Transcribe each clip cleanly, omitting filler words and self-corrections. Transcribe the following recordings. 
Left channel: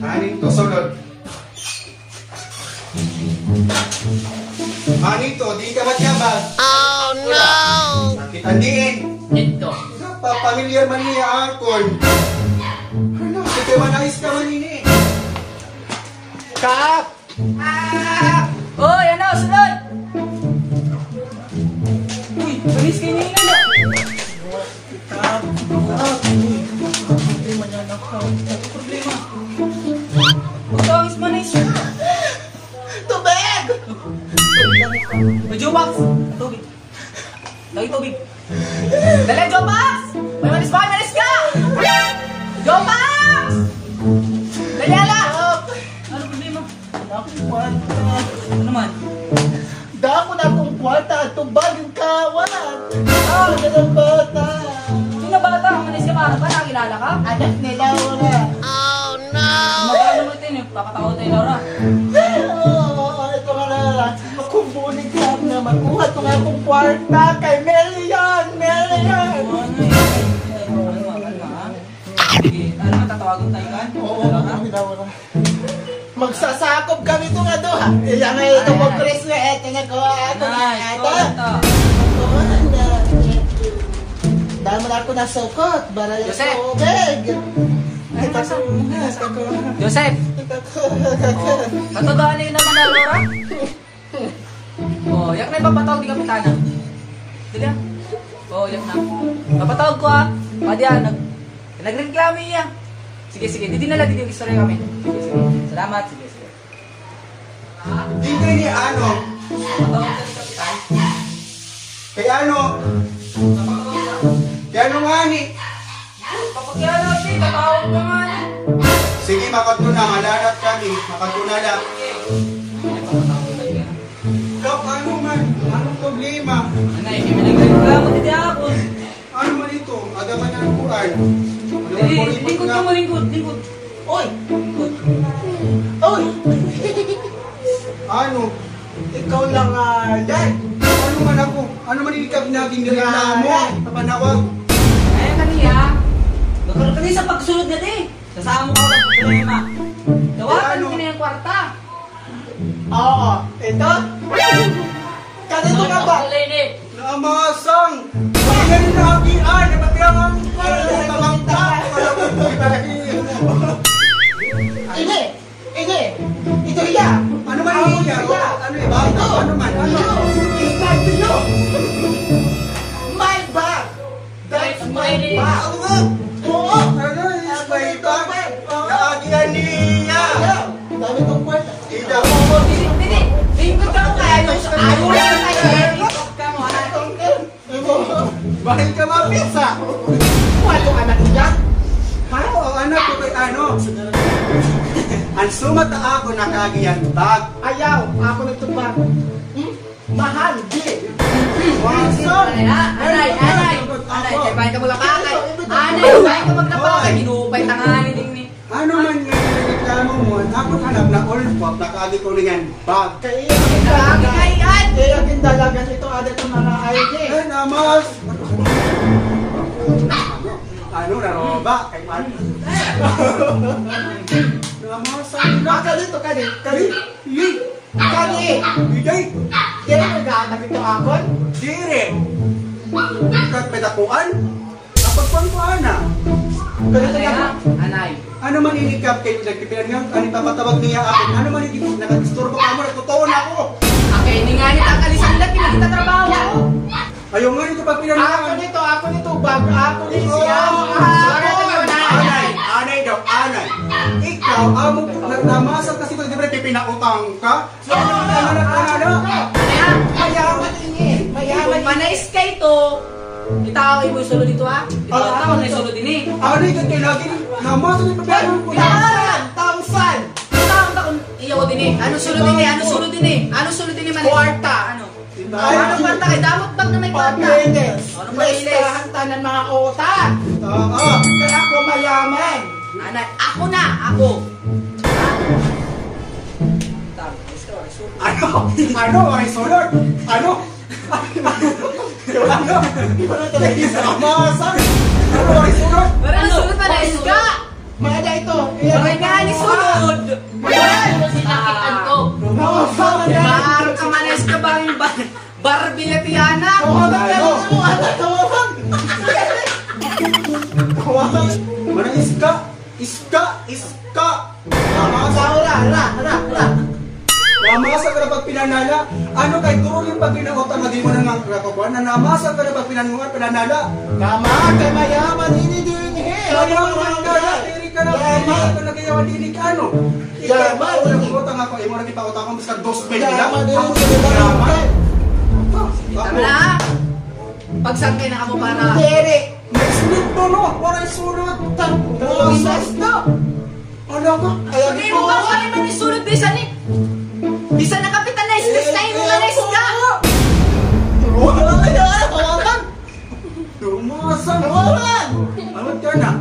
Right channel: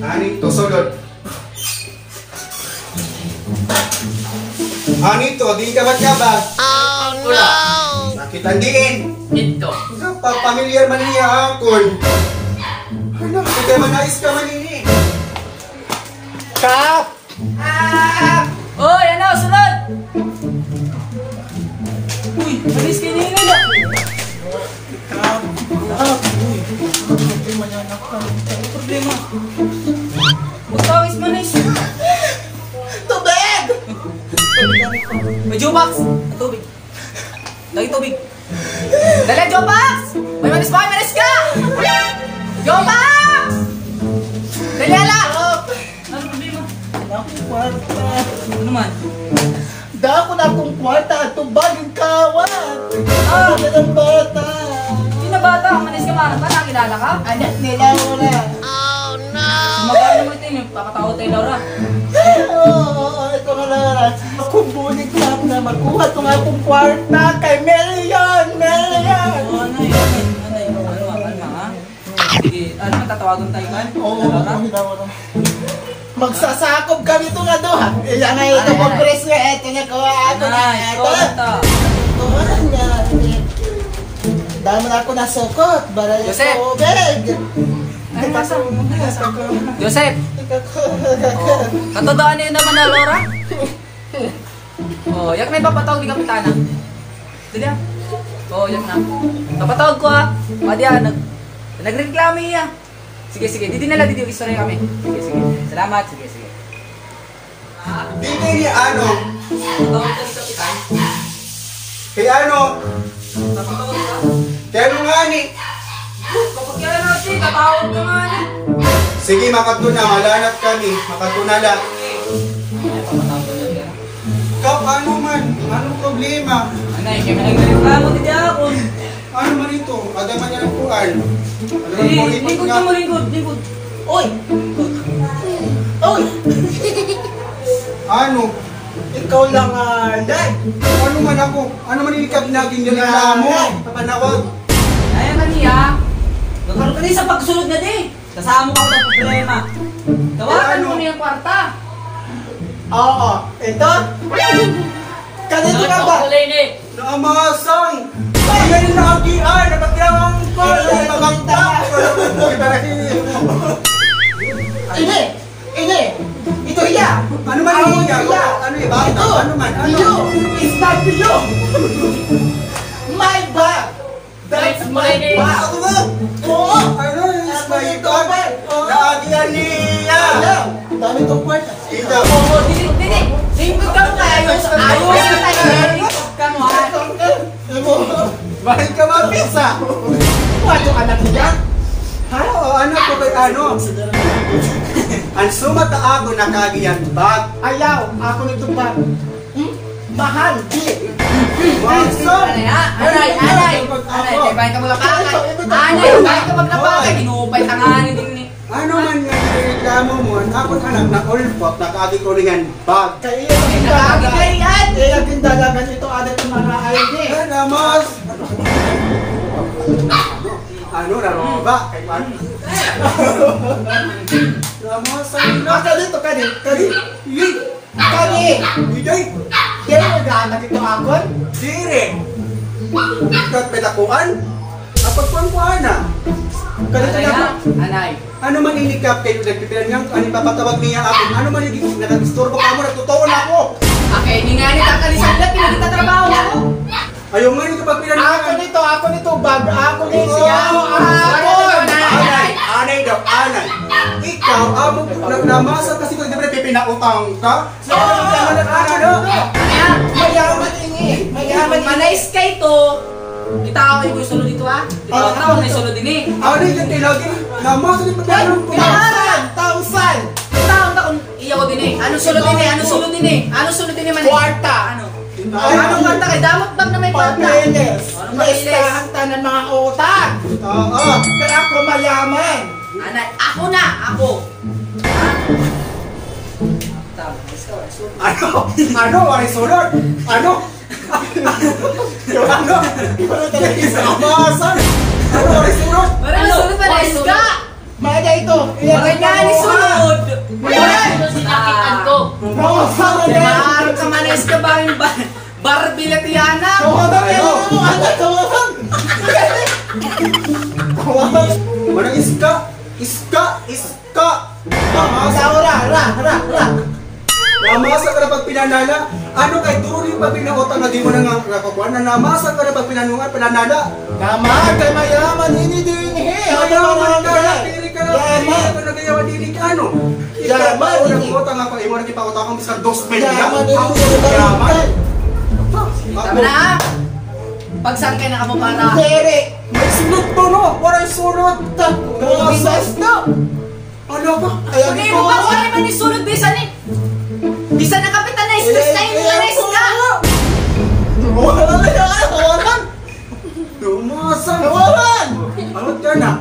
Anito, sulod. Anito, di ka matyabag. Oh no! Sakitan din. Ito. Pamilyar man niya akon. Ano, hindi man ayos ka man ini. Kap! Oh, yan na, sunod! Uy, malis kayo nila na. Kap! Problema. Magkawis manis. Tubig! May Jopax. Tubig. Lagi tubig. Dali, Jopax! May manis pa, manis ka! Jopax! Dali, ala! Ano problema? Ano man? Dako na akong kwarta at tumbagin kawat. Ang bata. Sino bata? Manis ka ba? Bata, kilala ka? Anak nila mo na. Oh no! Magkano mo ito yun? Papatawa tayo, Laura. Oo, ito nga na. Makumbulig lang na makuha itong akong kwarta kay Melion. Melion. Ano yun? Ano ha? Sige, ano tatawagan tayo kan? Oo, Laura? magsasakop kami itong ano ha. Ilang nga ito pag-press nga. Ito nga kawa ako na. Ay, Ito. konta. Tumahan nga. Dahil mo na ako nasukot. Para yung Joseph! tubig. Ay, nasa? Joseph! Katodaan niyo naman na, Laura? Oh, yak na ipapatawag ni Kapitana. Dali ah. Oh, yak na. Papatawag ko ah. Pwede ah, nagreklamo niya. Sige, sige. Didi na lang, didi yung istorya kami. Sige, sige. Salamat. Sige, sige. Hindi ni ano. Patawag ka ni Kapitan. Kay ano. Napatawag ka. Kay ano nga ni. Kapagyan natin, katawag ka nga na. Sige, makatuna. Malanap kami. Makatuna lang. Ay, papatawag ko na nila. Kap, ano man? Anong problema? Anay, kami nagreklamo didi ako. Ano man ito? Ada man yan kuan. Ano Dili, mo lingkod nga? ka mo, lingkod, lingkod. Uy! Uy! Ano? Ikaw lang dad. Ano man ako? Ano man inikap naging nireklamo? Papanawag. Ay, maniya. Nagkaroon ka din sa pagsunod na di. Kasama ko ng problema. Tawagan mo na yung kwarta. Oo. Ito? Kanito ka ba? Naamasang! Ayan yung nakakian! Nakakilangan ko! Nabangta! Ini! Ini! Ito iya! Ano man yung iya? Ano yung bag? Ito! Ano man? Ano? Ito! It's not you! My bag! That's my bag! Ako ba? Oo! Ano is my bag? Nakakian niya! Dami tong kwenta. Ito! Oo, dili. Lingkod ka mo kaya yung ayos na tayo. Lingkod ka mo ha. Bakit ka mapisa? Ano ka na niya? Ano? Ano ko ba? Ano? Ang sumata ako nakagiyan bag. Ayaw! Ako nito bag. Mahal! Di! Mangsam! Anay, kaya bahay ka magapakay. Anay, bahay ka magapakay. Inupay tanganin din ni. Ano man nga reklamo mo? Ako hanap na ulbak nakagi ko niyan bag. Kaya Nakakita ka yan. kaya gindalagan ito ada itong mga ID. Ay, namas! Ano na ba? Kay Juan? Namas! Baka dito ka din. Kani! Kani! Ijay! Di mo nagaanak ito akon? Dire! Kat betakuan? Dapat kuan ko ana. Kanito na ba? Anay. Ano man inikap kayo nagpipilan nga? Ano papatawag niya ako? Ano man yung nag-istorbo ka mo? Nagtutuon ako! Okay, hindi nga nila ang kalisandat. Pinagtatrabaho ako. Ayaw nga yung kapagpilan nga. Ako nito, bag. Ako nito siya. Anay daw, anay. Ikaw, amo namasa kasi kung di ba pipinautang ka? Mayaman ini. Mayaman ini. Manais kay to. Kita ako yung gusto dito ha. Ito ako na solo din eh. Anay dyan tinagin. Namasa di pipinautang ko. Tausan! Tawag ako iya ko din eh. Ano solo din eh? Ano solo din eh? Ano solo din eh man? Kwarta. Ano? Ano kwarta kay damot bag na may kwarta? Pag-inis. Ano May mailis? istahan ng mga utang. Oo. Kaya ako mayaman. Anay, ako na, ako. Ano? Ano? Aray sulod? Ano? Ano? Isa amasan? Ano? Aray sulod? Ano solo pa na iska? Mada ito. Bakit ka ni sunod? Ano sinakitan ko? Maaari ka manes ka ba yung Barbie Latiana? Mana iska? Iska! Namasa ka na pag pinanala? Ano kay turo yung pag pinakotang na di mo na nga nakakuha na namasa ka na pag pinanungan pinanala? Mayaman ini din Mayaman ka na, pili ka na, nagayawan dili ka ano? Ikaw ba, nagkota nga pag imo nagkipakota kang sa 2 pesos lang? Ang yaman! Tama na! Pagsangkay na ka mo para... Sunod to no! Waray sunod! Ano ka? Hindi mo ka wala man ni sunod bisa ni! Bisa na kapitan na stress na yung mga isda! Lumasan! Anot ka na?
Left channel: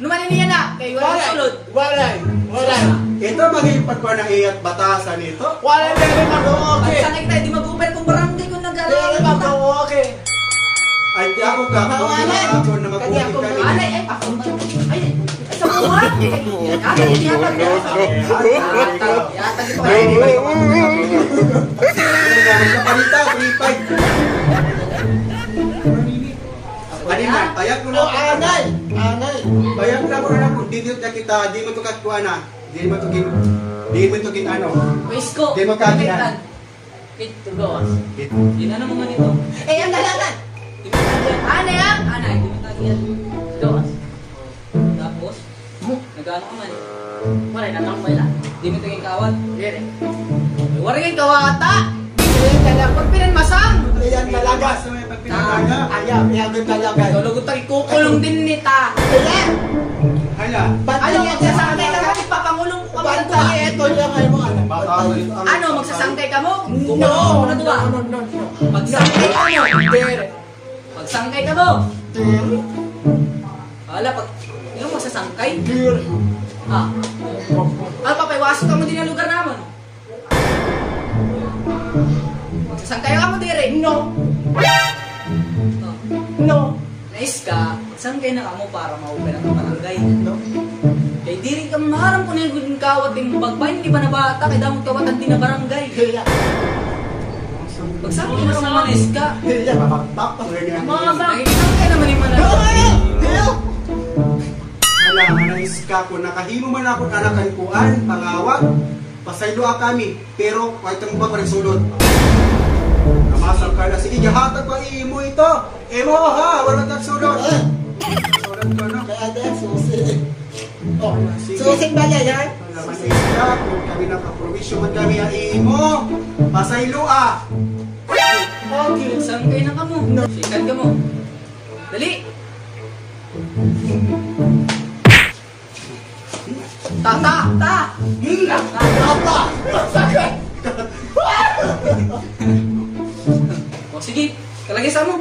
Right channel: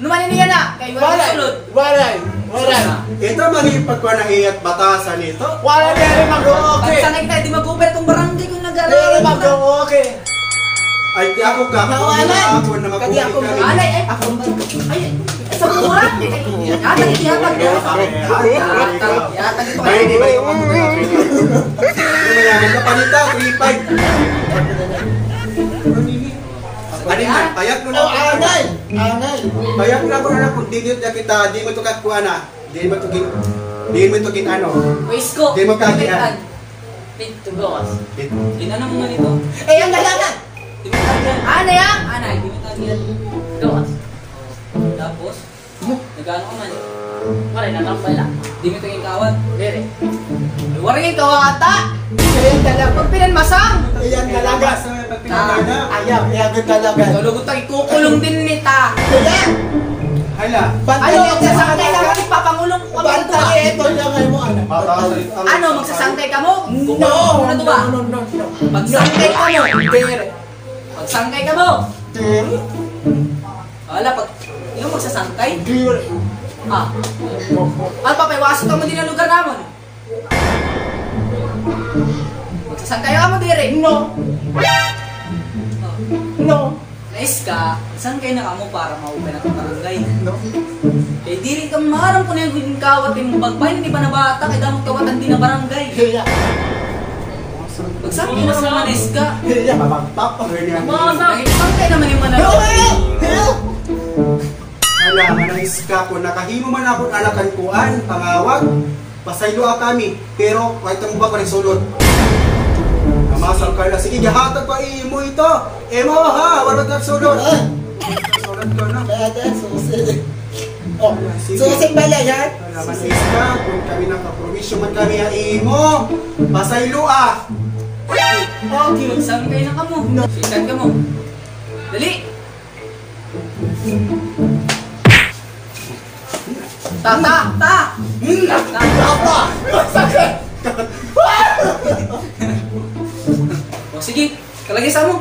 Numanin niya na! Kaya wala na sunod! Walay. Ito mahipag ko na hiyat batasan ito. Walay meron mag-okay. Pagsangkay tayo, di mag-over itong barangay kung Meron nag-aaral. mag-okay. Ay, di ako ka. Alay. Ako na makulit kami. Alay, ay, ako ba? Ay, sa buwan! Yatan ko kayo. Kapalita, 3-5. Ano man, payak mo na ako. Anay. Payak na ako na lang kung di kita, di mo ito katkuha na. Di mo ito king ano. Wisko. Di mo kagihan. Pit to go. Ginanong nga nito. Ang dalagan. Ano yan? Ano? Hindi mo tagihan. Gawas. Tapos, nagano ka man. Maray, nakapay lang. Hindi mo tingin kawan. Bere. Waring yung kawata. Pag pinanmasang. Ayan dalaga. Ayaw, ang dalaga. Malugot ang ikukulong din nita. Hala. Ano, magsasangkay ka mo? Papangulong ka ba ito? Ito lang ay mo. Ano, magsasangkay ka mo? No. Magsangkay ka mo. Magsangkay ka mo. Wala, pag yung magsasangkay. Papaiwaso ka mo din ang lugar naman. Magsasangkay ka mo dire. No. Nice ka, sangkay na ka mo para mawag ka ng barangay. Eh di rin ka maharang ko na yung kawat yung bagbay, hindi pa na bata, kaya damot kawatan din na barangay. Magsangkay na ka mo manis ka. Mabagpak ang ganyan. Sangkay naman yung manalo. Hala, manais ka kung nakahimo man ako anakan kuan, pangawag. Pasaylo kami, pero kahit ang ba pa sulod. Namasal ka na, sige, gahatag pa imo ito. Emo ha, wala kang sulod. Sulod ka na. Susin ba yan? Hala, manais ka kung kami nakapromisyo man kami ang imo. Pasaylo Okay, sangkay na ka mo. Sikat ka mo. Dali! Ta! O sige, kalagay sa mo.